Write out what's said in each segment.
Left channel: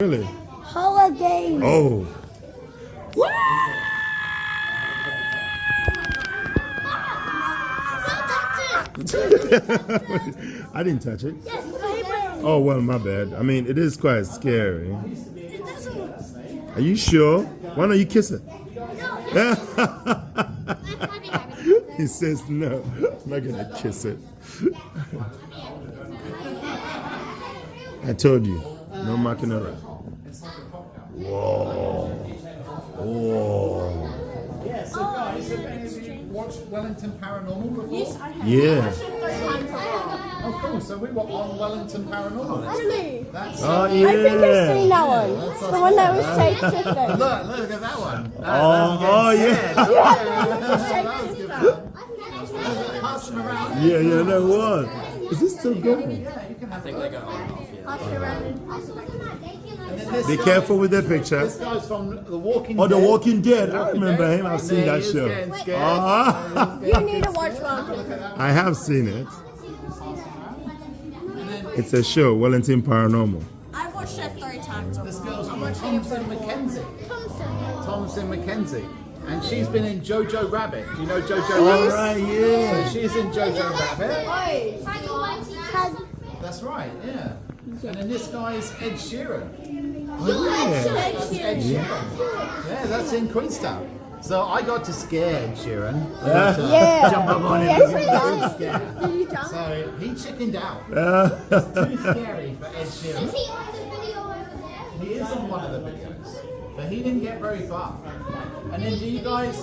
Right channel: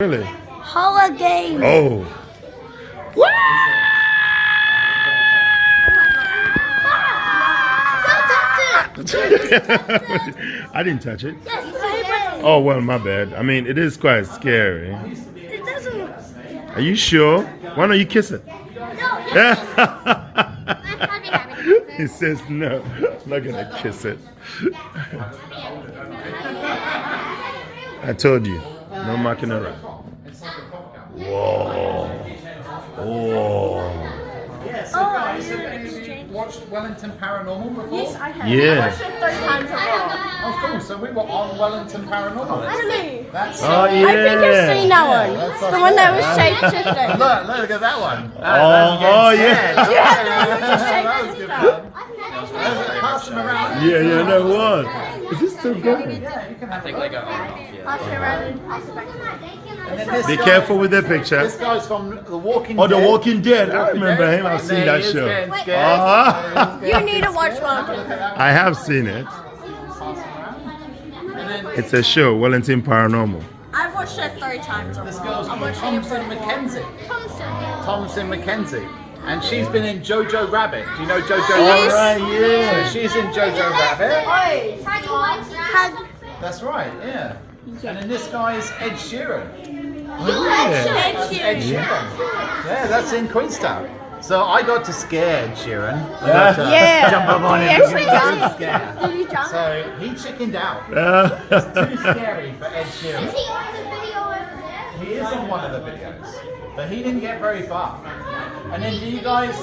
Really? Holiday. Oh. Don't touch it. I didn't touch it. Yes, it's Oh, well, my bad. I mean, it is quite scary. It doesn't. Are you sure? Why don't you kiss it? No. He says no. I'm not gonna kiss it. I told you, no marking around. Whoa. Whoa. Watched Wellington Paranormal before? Yes, I have. Yeah. I watched it 3 times already. Oh, cool. So we were on Wellington Paranormal. Really? That's Oh, I think I've yeah. seen that one. that's The one that was us. shape-shifting. Look at that one. Oh, yeah. That was good fun. Pass them around. Yeah, no, what? Is this still going? Yeah, you can have I think they go on and off, yeah. Pass it around and pass it back. And then this Be guy- careful with that picture. This guy's from The Walking Oh, Dead. The Walking Dead. I Walking remember Dead. him. I've And seen there that he is show. getting scared. Uh-huh. You need to watch one. I have seen it. And then It's a show, Wellington Paranormal. I've watched it 3 times this already. girl's I'm from watching it Thompson for Mackenzie. Thompson Mackenzie. And she's been in Jojo Rabbit. Do you know Jojo All Rabbit? right, yeah. So she's in Jojo Rabbit. Oi. That's right, yeah. And then this guy's Ed Sheeran. Oh, yeah. That's Ed Sheeran. Yeah, that's in Queenstown. So I got to scare Ed Sheeran. I got to Yeah. jump up on him Yes, and we give him a did. good scare. Did you jump? So he chickened out. Too scary for Ed Sheeran. He on the video over there. He is on one of the videos, but he didn't get very far. And then do you guys,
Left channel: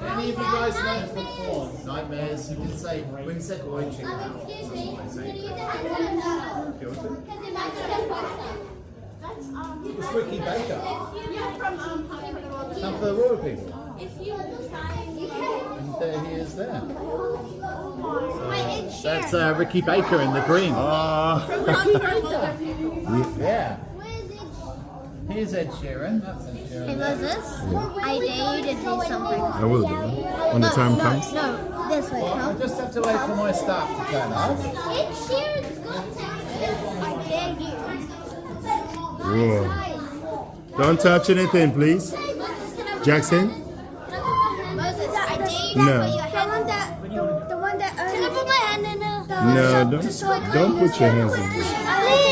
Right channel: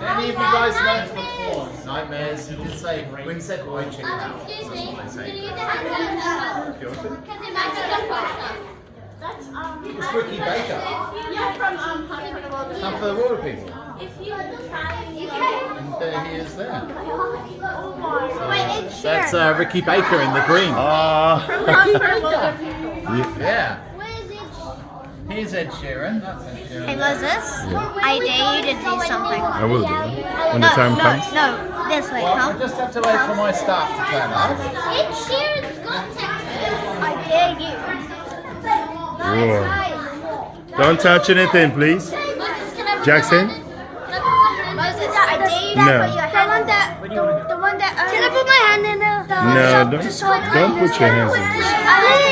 any of you guys know nightmares? He did say, when he said I chicken out, that's what they say. That's It's Ricky Baker. Yeah, from Hunt for the Wilder. Some for the water people. if you try, you can. And there he is there. Oh my. Wait, it's That's Ricky Baker in the green. Ah. From Hunt for the Wilder people. Yeah. Where is it? Here's Ed Sheeran. That's Ed Sheeran. Hey, what's this? I dare you to do something. I will do it. When the time comes. No, this way, Well, I huh? just have to wait for my staff to turn up. It's Sharon's contact. I dare you. Whoa. Don't touch anything, please. Jackson? Moses, I dare you to No. put your hand the one that can I put my hand in there? No, don't put your hands in there.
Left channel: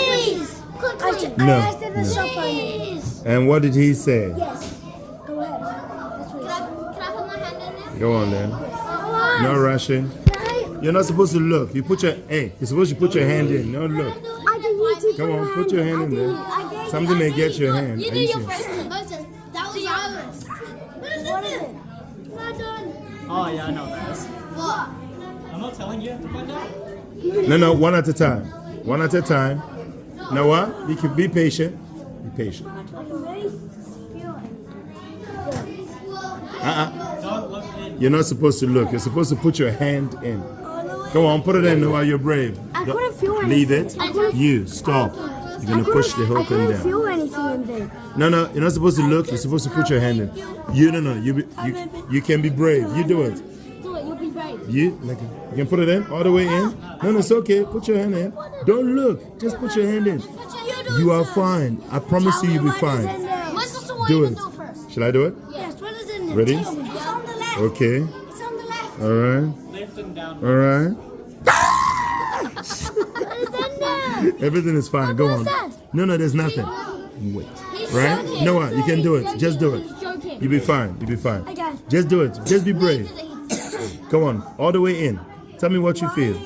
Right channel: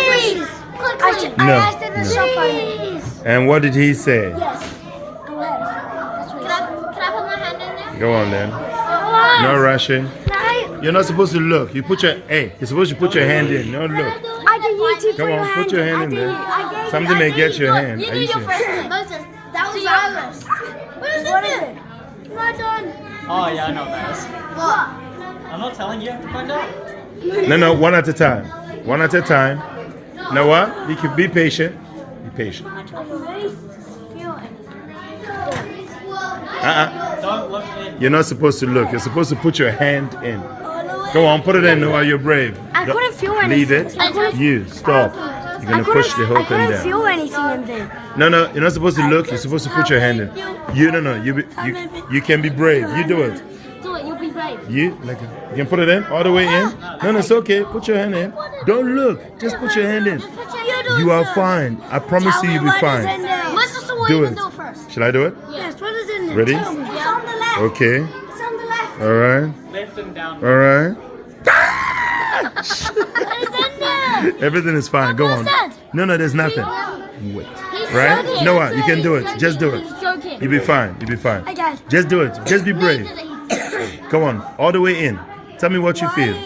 Please. Click. No, I asked in the no. shop please. And what did he say? Yes. Go ahead. That's what can I put my hand in there? Go on then. No rushing. You're not supposed to look. You put your you're supposed to put your hand in. No look. I dare you to Come on, put your hand in there. Something may get your hand. You Are do you your serious? first. Moses, that was yours. What is it? Not done. Oh, yeah, I know what that is. What? I'm not telling you, you have to find out. No, one at a time. One at a time. You know what? You can be patient. Be patient. Don't look in. You're not supposed to look. You're supposed to put your hand in. Go on, put it in while you're brave. I Don't- couldn't feel Leave anything. it. You stop. You're gonna push the whole thing down. feel anything in there. No, you're not supposed to look. You're supposed to put your hand in. You can be brave. You do it. Do it, you'll be brave. You can put it in all the way in. No, it's okay. Put your hand in. Don't look. Just put your hand in. You are fine. I promise you, you'll be fine. My sister will Do even it. do it first. Shall I do it? Yes, what is in there? Ready? Tell me. It's on the left. Okay. It's on the left. All right. Left and down. All right. What is in there? Everything is fine. Go on. that? No, there's nothing. Wait. He's Right? joking. No, what? You can do it. Just do it. He's joking. You'll be fine. You'll be fine. I got it. Just do it. Just be brave. Come on. All the way in. Tell me what you feel.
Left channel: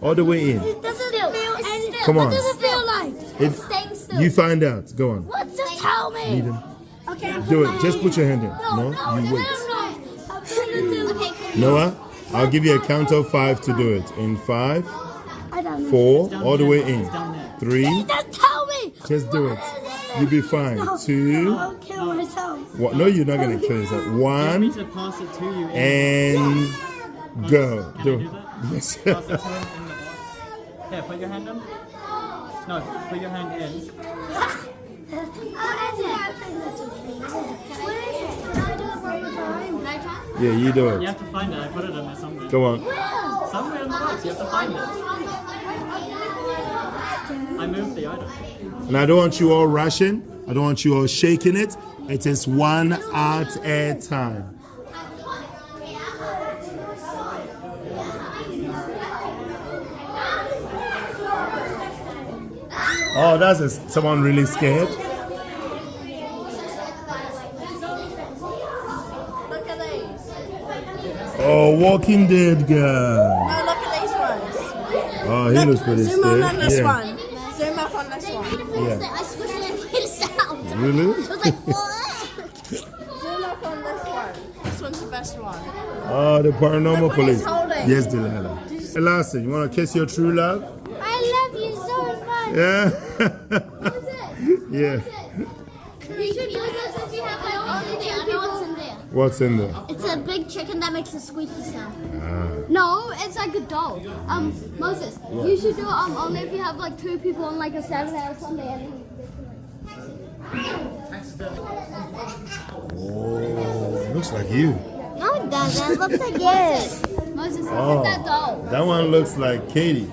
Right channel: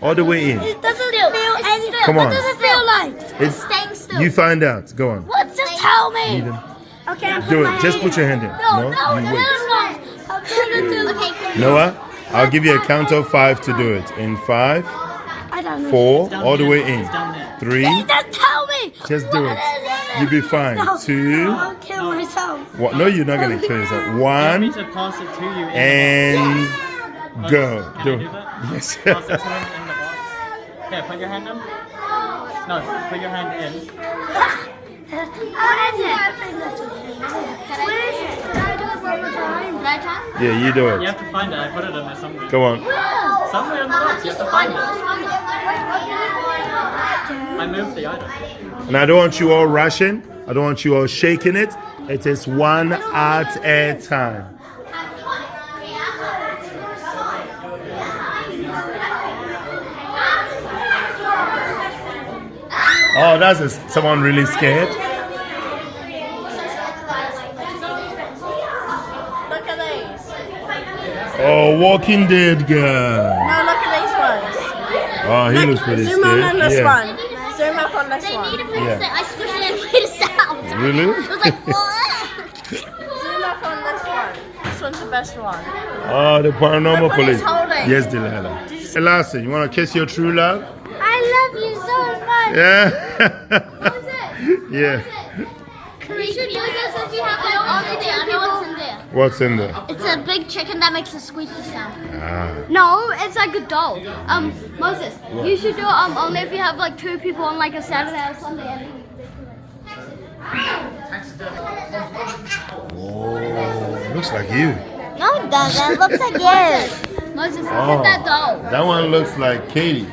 All the way in. It doesn't feel anything. Come on. What does it feel like? It's- staying still. You find out. Go on. What? Just tell me. Eden. Okay, I'm Do it. Just put your hand in. No, You wait. Okay, Noah, I'll give you a count of 5 to do it. In 5, I don't know. 4, all the way in. Down there. 3, Just tell me. just do it. You'll be fine. No, 2, I'll kill myself. what? No, you're not going to kill yourself. You want me 1, to pass it to you in and go. Can Do I do it. that? Yes. the box? Pass it to him in the box. Here, put your hand in. No, put your hand in. What is it? Can I do it one more time? Can I try? Yeah, you do You it. have to find it. I put it in there somewhere. Come on. Somewhere in the box. You have to find it. I moved the item. And I don't want you all rushing. I don't want you all shaking it. It is one at a time. Oh, that's someone really scared. Look at these. Oh, Walking Dead guy. No, look at these ones. Oh, he looks pretty Zoom scared. on this Yeah. one. Zoom up on this one. Yeah. I squished it and made a sound. Really? It was like, Zoom up on this one. This one's the best one. Oh, the paranormal Look what police. he's holding. Yes, Delilah. Elastin, you want to kiss your true love? I love you so much. Yeah. yeah. We should use this if you have like all the day. I know what's in there. What's in there? It's a big chicken that makes a squeaky sound. Ah. No, it's like a doll. Moses, you should do it only if you have like 2 people on like a Saturday or Sunday. Oh, looks like you. No, it doesn't. It looks like yours. Moses, look Oh, at that doll. that one looks like Katie.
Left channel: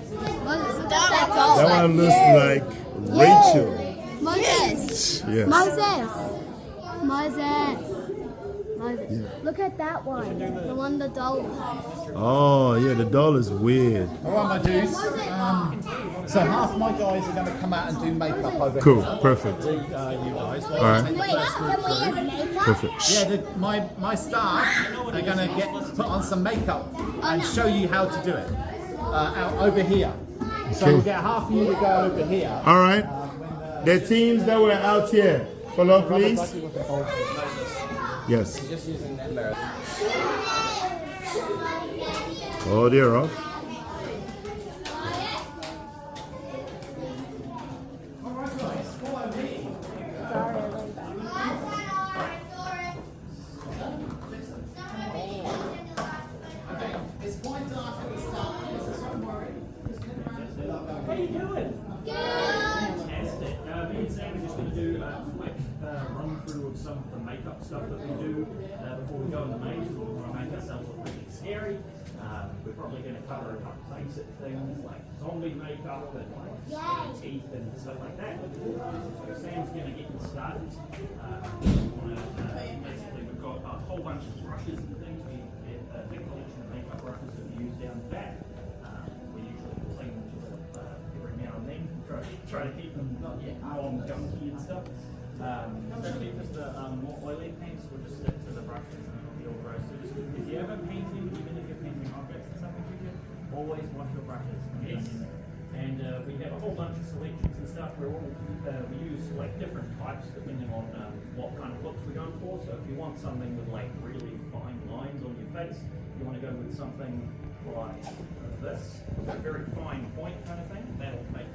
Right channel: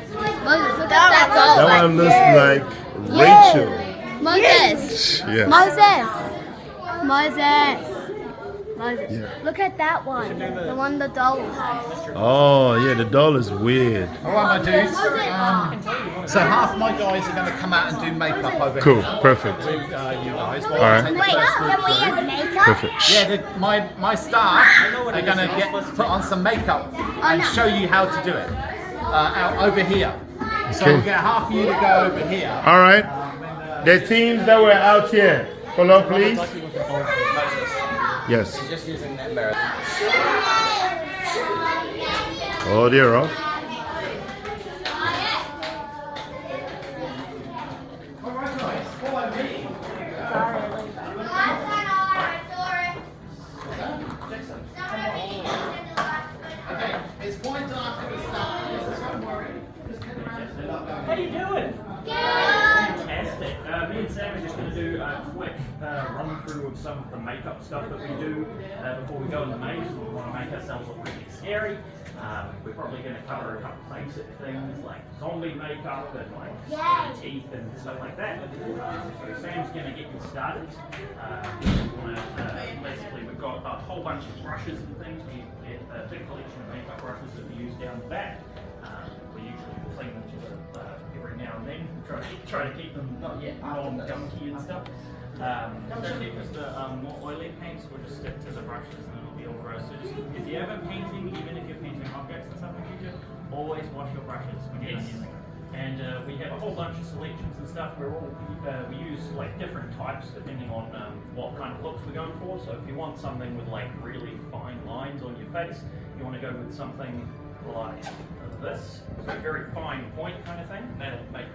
Moses, look at that doll. That one looks like Rachel. Moses. Yes. Moses. Moses. Moses. Yeah. Look at that one. The one the doll has. Oh, yeah, the doll is weird. All right, my dudes. So half my guys are going to come out and do makeup over Cool, here. perfect. With, you guys. While All I right. take the first group through. makeup? Perfect. Yeah, my staff are going to put on some makeup and show you how to do it out over here. So Okay. we'll get half of you to go over here. All right. The teams that were out here, follow please. Yes. Just using that mirror. Oh, they're off. It's quite dark at the start, so don't worry. How you doing? Fantastic. Me and Sam are just going to do a quick run through of some of the makeup stuff that we do before we go in the maze. We want to make ourselves look really scary. We're probably going to cover a couple basic things like zombie makeup and like teeth and stuff like that. So Sam's going to get you started. Basically, we've got a whole bunch of brushes and things. We get a big collection of makeup brushes that we use down the back. We usually clean them every now and then. Try to keep them not yet non-gunky and stuff. Especially because the more oily paints will just stick to the brushes and it'll be all gross. So just if you're ever painting, even if you're painting objects and stuff in the future, always wash your brushes when you're done using them. And we have a whole bunch of selections and stuff. We use like different types depending on what kind of looks we're going for. So if you want something with like really fine lines on your face, you want to go with something like this, so a very fine point kind of thing. That'll make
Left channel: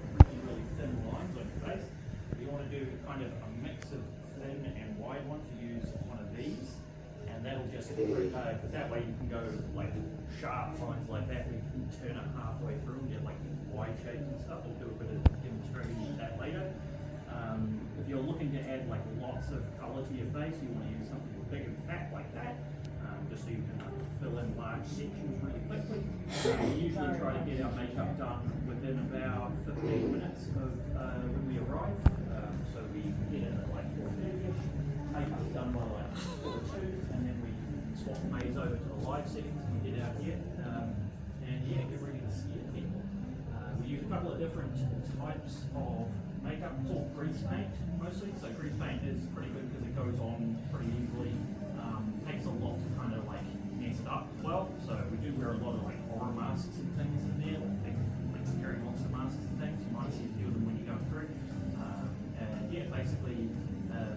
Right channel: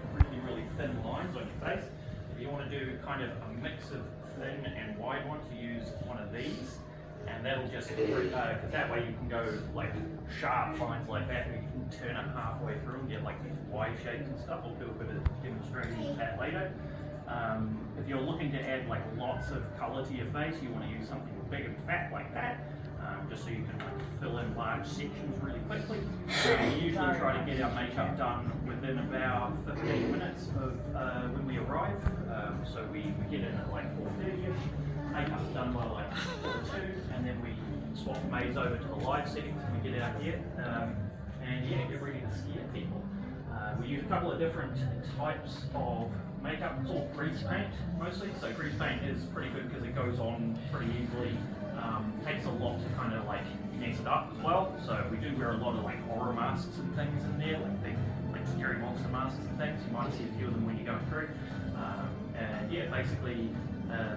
really thin lines on your face. If you want to do kind of a mix of thin and wide ones, you use one of these, and that'll just because that way you can go like sharp lines like that, and you can turn it halfway through and get like these wide shapes and stuff. We'll do a bit of demonstrating of that later. If you're looking to add like lots of color to your face, you want to use something big and fat like that. Just so you can like fill in large sections really quickly. We usually try to get our makeup done within about 15 minutes of when we arrive. So we get in at like 4:30ish. Makeup's done by like 2, and then we swap the maze over to the live settings and we get out here. And yeah, get ready to scare people. We use a couple of different types of makeup. It's all grease paint mostly. So grease paint is pretty good because it goes on pretty easily. Takes a lot to kind of like mess it up as well. So we do wear a lot of like horror masks and things in there, like big like scary monster masks and things. You might see a few of them when you're going through. And yeah, basically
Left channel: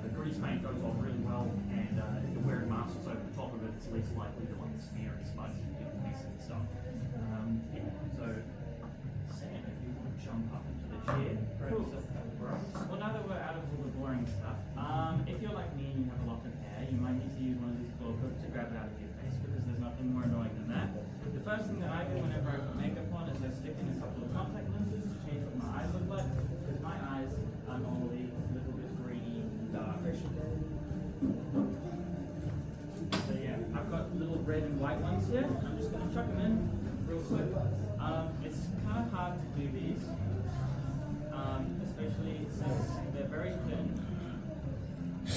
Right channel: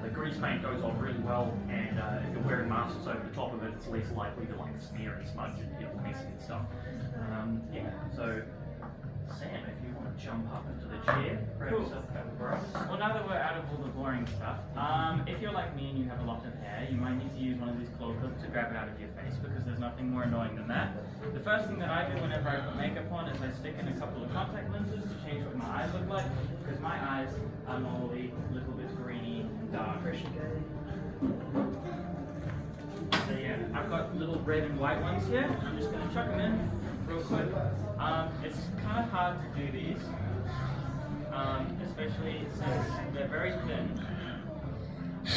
the grease paint goes on really well, and if you're wearing masks over the top of it, it's less likely to like smear and smudge and get all messy and stuff. Yeah, so Sam, if you want to jump up into the chair, grab yourself a couple of brushes. Well, now that we're out of all the boring stuff, if you're like me and you have a lot of hair, you might need to use one of these claw clips to grab it out of your face, because there's nothing more annoying than that. The first thing that I do whenever I put makeup on is I stick in a couple of contact lenses to change what my eyes look like, because my eyes are normally a little bit greeny and dark. So yeah, I've got little red and white ones here, and I'm just going to chuck them in real quick. It's kind of hard to do these, especially since they're very thin.